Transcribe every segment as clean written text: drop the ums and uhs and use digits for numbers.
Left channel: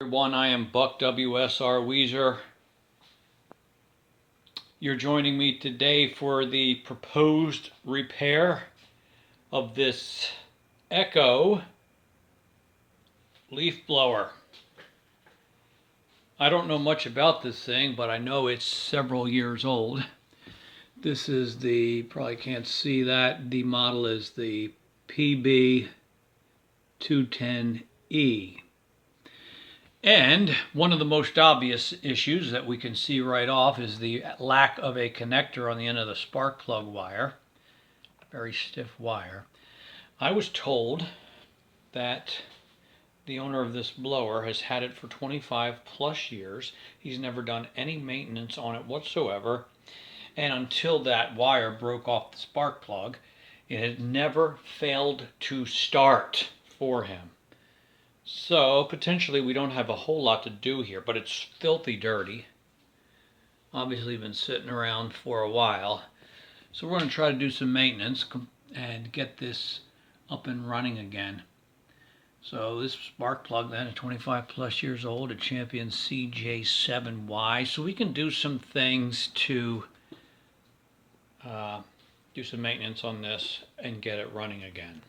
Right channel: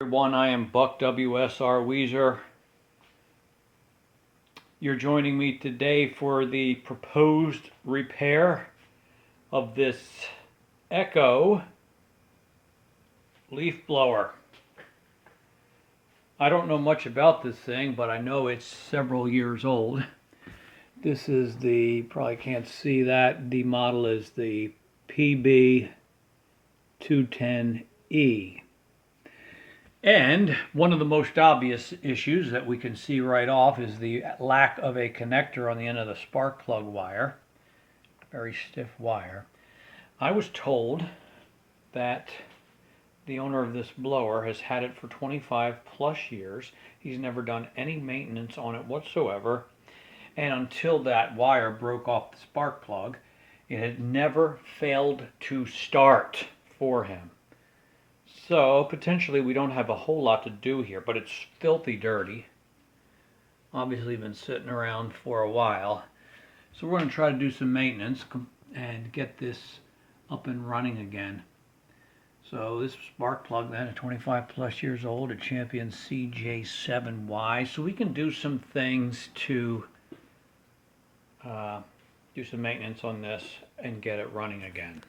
Everyone, I am Buck WSR Weezer. You're joining me today for the proposed repair of this Echo leaf blower. I don't know much about this thing, but I know it's several years old. This is the, probably can't see that, the model is the PB-210e. And one of the most obvious issues that we can see right off is the lack of a connector on the end of the spark plug wire. Very stiff wire. I was told that the owner of this blower has had it for 25 plus years. He's never done any maintenance on it whatsoever. And until that wire broke off the spark plug, it had never failed to start for him. So potentially we don't have a whole lot to do here, but it's filthy dirty. Obviously been sitting around for a while. So we're going to try to do some maintenance and get this up and running again. So this spark plug then is 25 plus years old, a Champion CJ7Y. So we can do some things to do some maintenance on this and get it running again.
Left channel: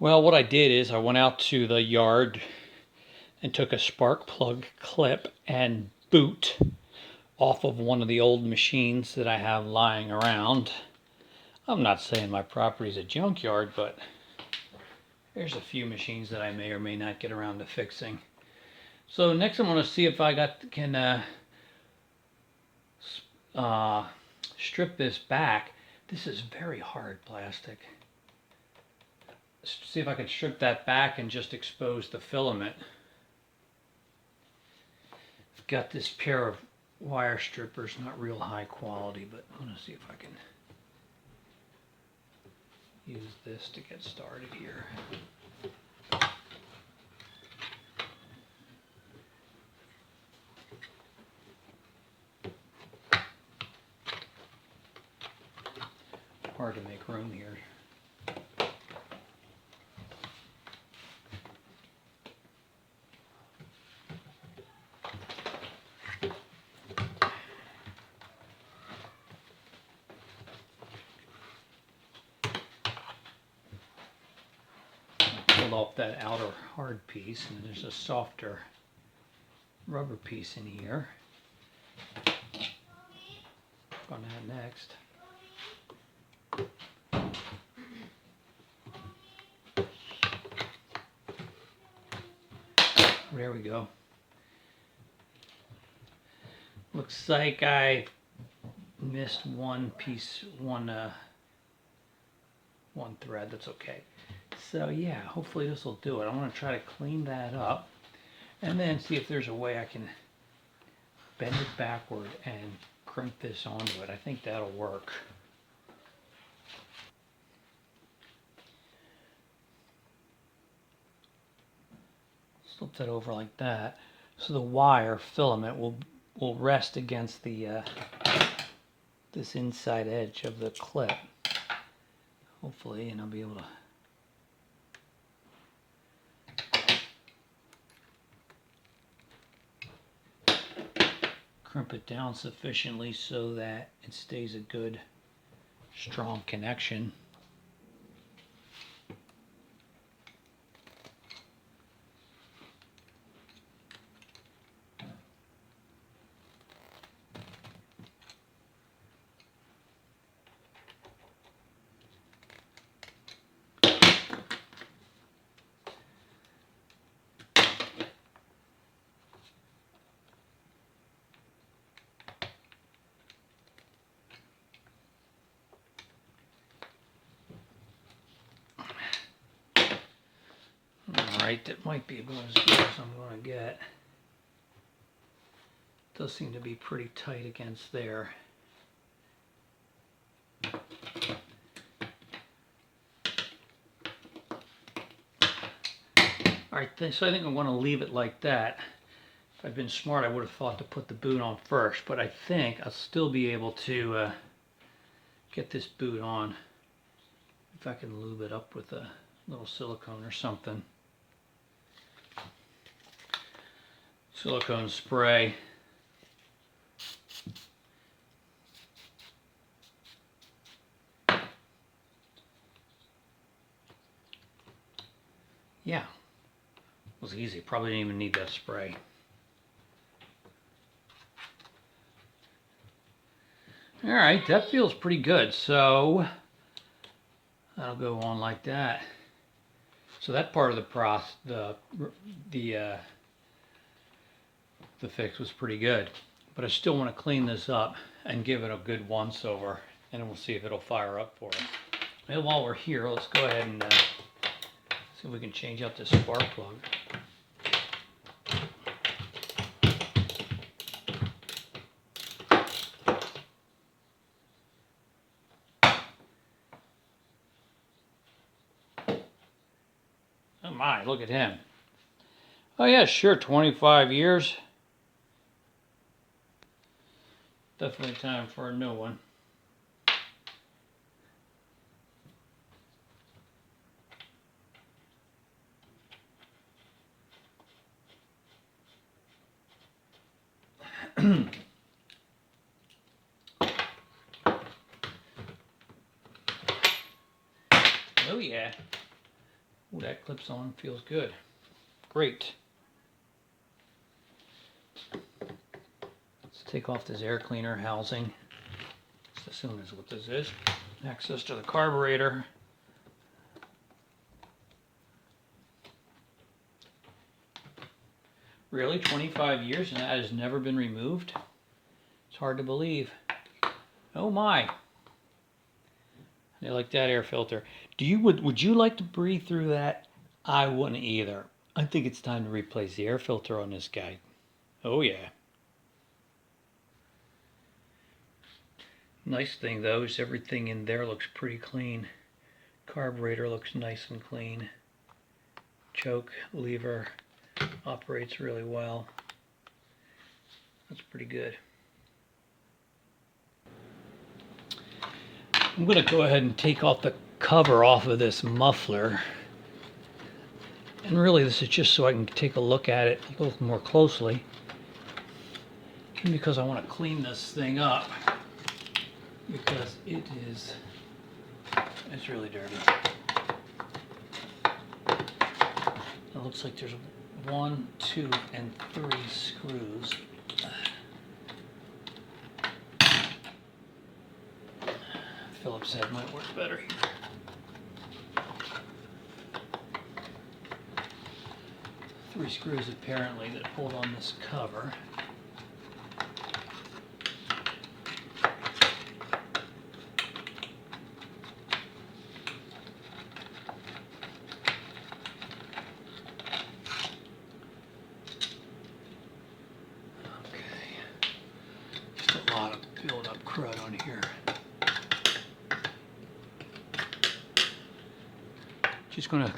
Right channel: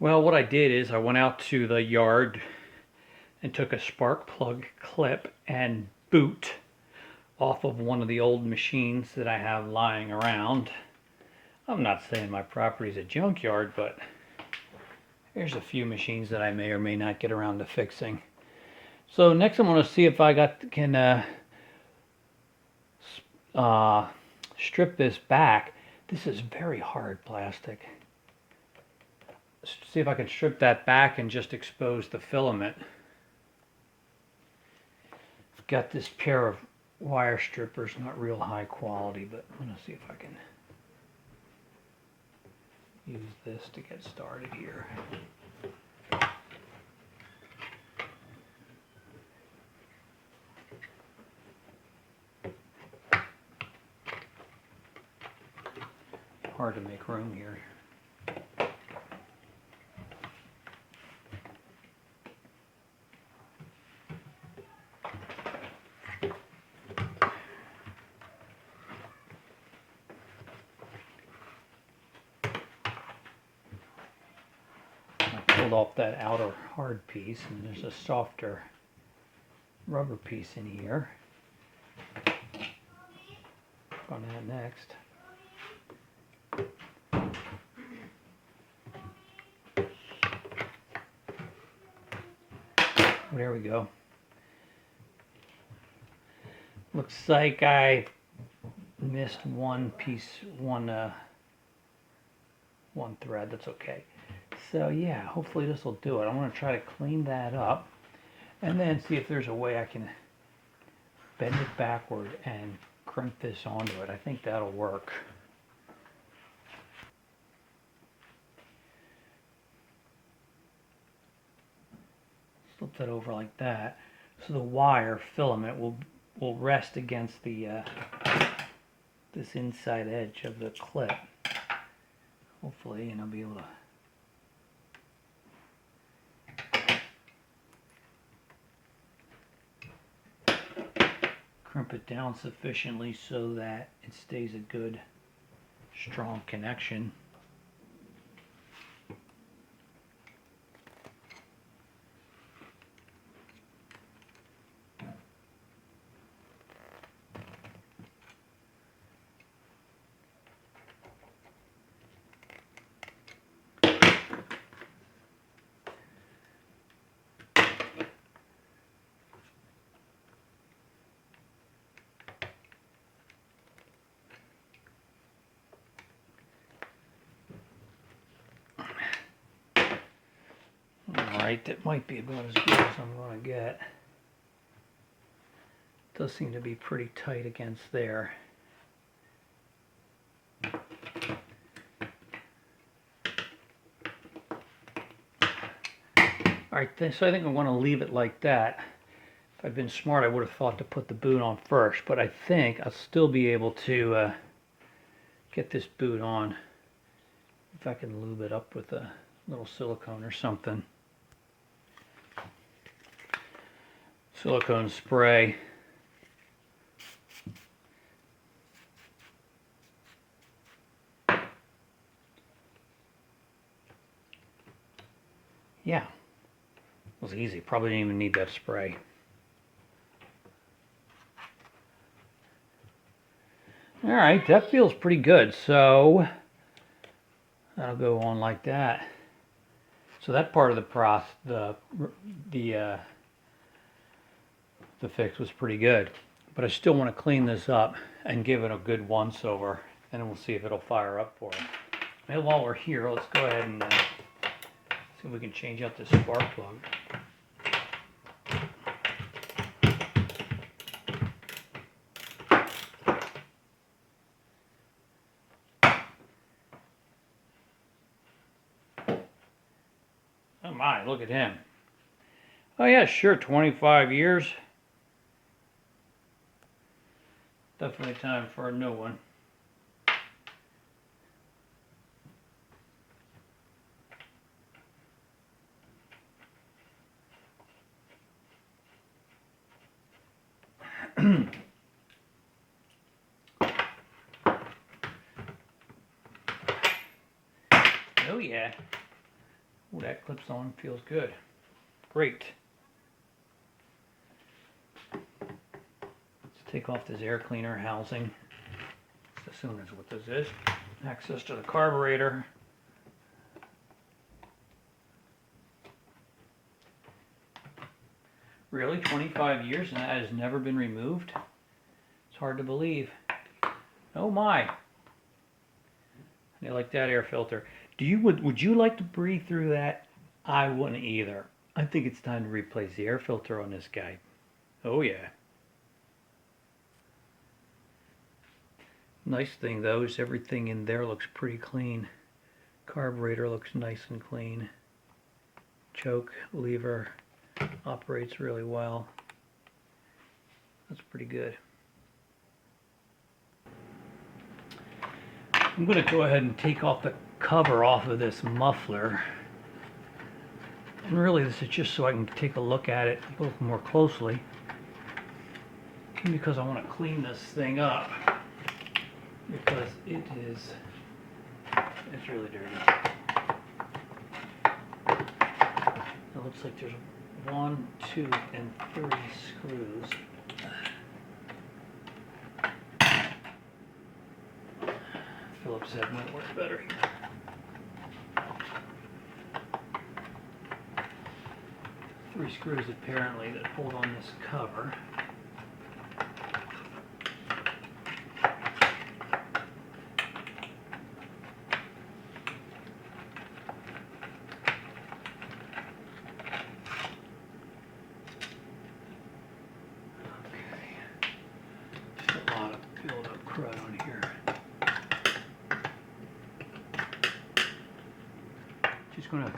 Well, what I did is I went out to the yard and took a spark plug clip and boot off of one of the old machines that I have lying around. I'm not saying my property is a junkyard, but there's a few machines that I may or may not get around to fixing. So next I'm going to see if I can strip this back. This is very hard plastic. See if I can strip that back and just expose the filament. I've got this pair of wire strippers, not real high quality, but I'm going to see if I can use this to get started here. Hard to make room here. Pulled off that outer hard piece, and there's a softer rubber piece in here. On that next. There we go. Looks like I missed one piece, one thread. That's okay. So yeah, hopefully this will do it. I'm going to try to clean that up and then see if there's a way I can bend it backward and crimp this onto it. I think that'll work. Slip that over like that, so the wire filament will rest against the this inside edge of the clip. Hopefully, and I'll be able to crimp it down sufficiently so that it stays a good, strong connection. Alright, that might be about as good as I'm going to get. Does seem to be pretty tight against there. Alright, so I think I want to leave it like that. If I'd been smart, I would have thought to put the boot on first, but I think I'll still be able to get this boot on if I can lube it up with a little silicone or something. Silicone spray. Yeah, it was easy. Probably didn't even need that spray. All right, that feels pretty good. So that'll go on like that. So that part of the fix was pretty good. But I still want to clean this up and give it a good once over, and we'll see if it'll fire up for us. Well, while we're here, let's go ahead and see if we can change out this spark plug. Oh my, look at him. Oh yeah, sure, 25 years. Definitely time for a new one. Oh yeah. Oh, that clips on, feels good. Great. Let's take off this air cleaner housing. Let's assume that's what this is. Access to the carburetor. Really, 25 years and that has never been removed? It's hard to believe. Oh my. I like that air filter. Would you like to breathe through that? I wouldn't either. I think it's time to replace the air filter on this guy. Oh yeah. Nice thing though is everything in there looks pretty clean. Carburetor looks nice and clean. Choke, lever, operates really well. That's pretty good. I'm going to go ahead and take off the cover off of this muffler. And really this is just so I can take a look at it a little more closely. Because I want to clean this thing up. Because it's really dirty. It looks like there's 1, 2, and 3 screws. Phillips head might work better here. Three screws apparently that hold on this cover. Just going to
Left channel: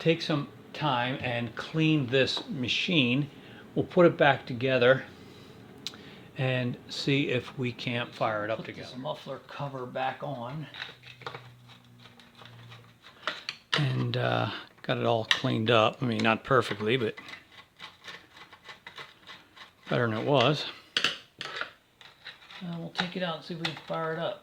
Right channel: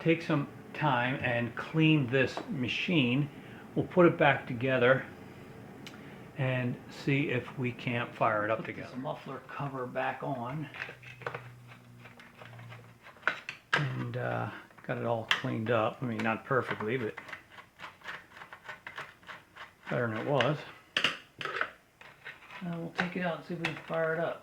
take some time and clean this machine. We'll put it back together and see if we can't fire it up together. Put this muffler cover back on and got it all cleaned up. I mean, not perfectly, but better than it was. And we'll take it out and see if we can fire it up.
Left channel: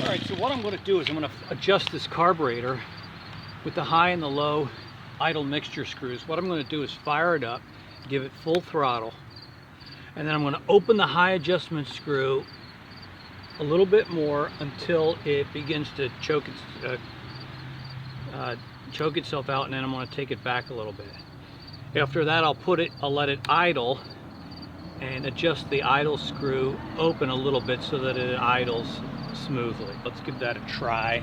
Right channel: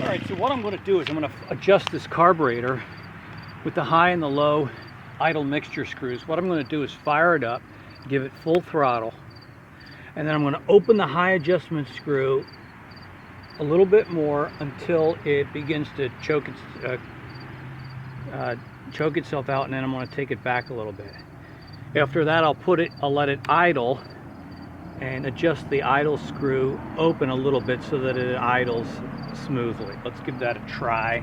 Alright, so what I'm going to do is I'm going to adjust this carburetor with the high and the low idle mixture screws. What I'm going to do is fire it up, give it full throttle, and then I'm going to open the high adjustment screw a little bit more until it begins to choke itself out, and then I'm going to take it back a little bit. After that, I'll let it idle and adjust the idle screw open a little bit so that it idles smoothly. Let's give that a try.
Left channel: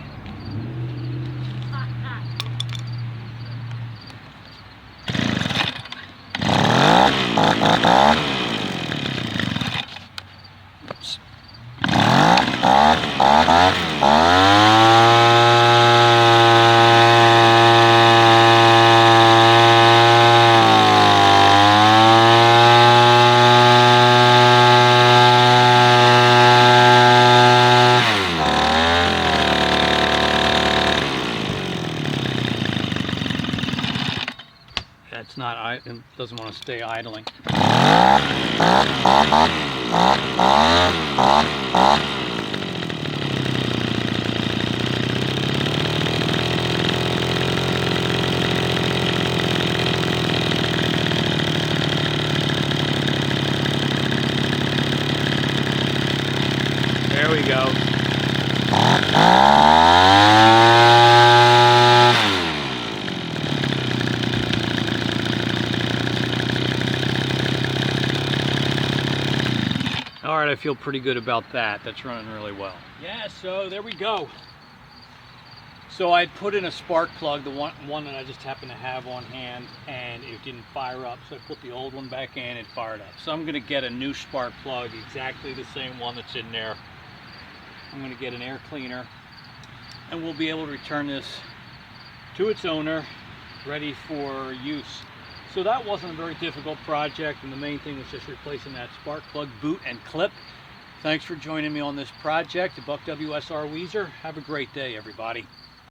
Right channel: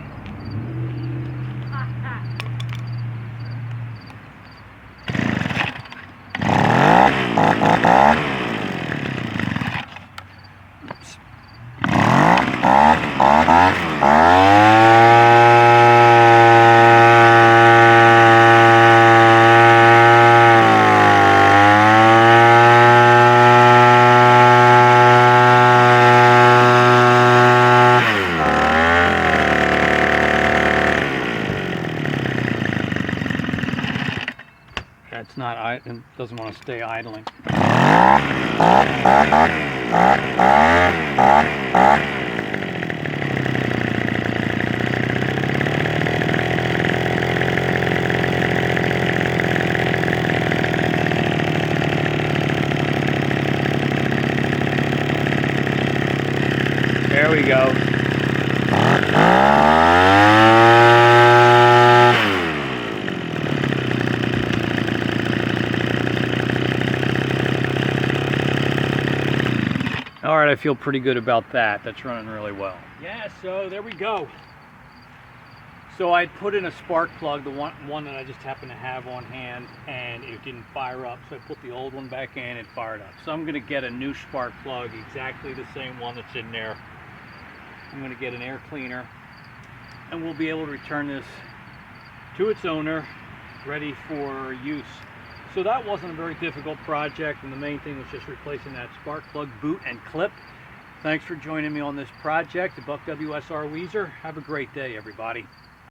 Oops. It's not, it doesn't want to stay idling. There we go. All right, I feel pretty good about that. That's running really well. Yeah, so there we go. So I put in a spark plug, the one that I just happened to have on hand, and it didn't fire up. So I put the old one back in and fired up. So I'm gonna get a new spark plug, exactly the same one that's in there. I'm gonna get an air cleaner, and we'll be able to return this to its owner, ready for use. So that wasn't a very difficult project, and the main thing was just replacing that spark plug boot and clip. Thanks for joining me on this project, the Buck WSR Weezer. Have a great day, everybody.